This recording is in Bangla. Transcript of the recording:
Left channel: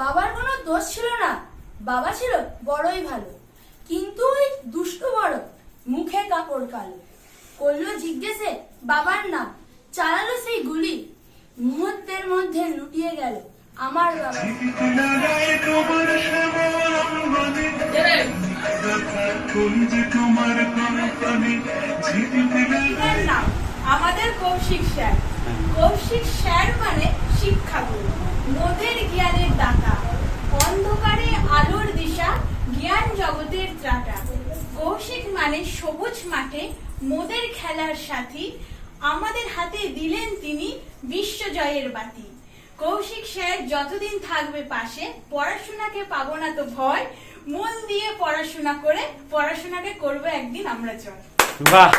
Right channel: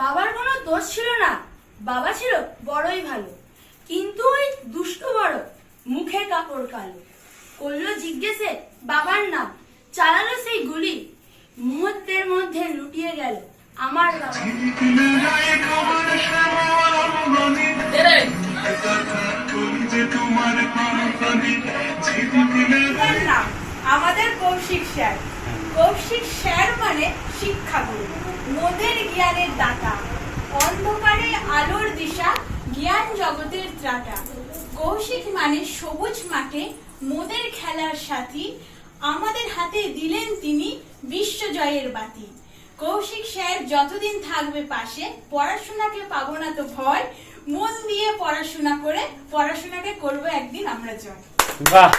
বাবার কোনো দোষ ছিল না, বাবা ছিল বড়ই ভালো। কিন্তু ওই দুষ্ট বড় মুখে কাপড় কালো, করলো জিজ্ঞেসে বাবার নাম, চালালো সেই গুলি, মুহূর্তের মধ্যে লুটিয়ে গেল আমার বাবা। নাম আমাদের কৌশিক স্যার। কৌশিক স্যার মানে শিক্ষাগুরু, মোদের জ্ঞানের দাতা, অন্ধকারে আলোর দিশা, জ্ঞান জগতের ত্রাতা। কৌশিক মানে সবুজ মাঠে মোদের খেলার সাথী, আমাদের হাতে দিলেন তিনি বিশ্বজয়ের বাতি। কৌশিক স্যার যতদিন থাকবে পাশে, পড়াশোনাকে পাবো না তো ভয়, মন দিয়ে পড়াশোনা করে পড়াশোনাকে করবো একদিন আমরা জয়। বাহ।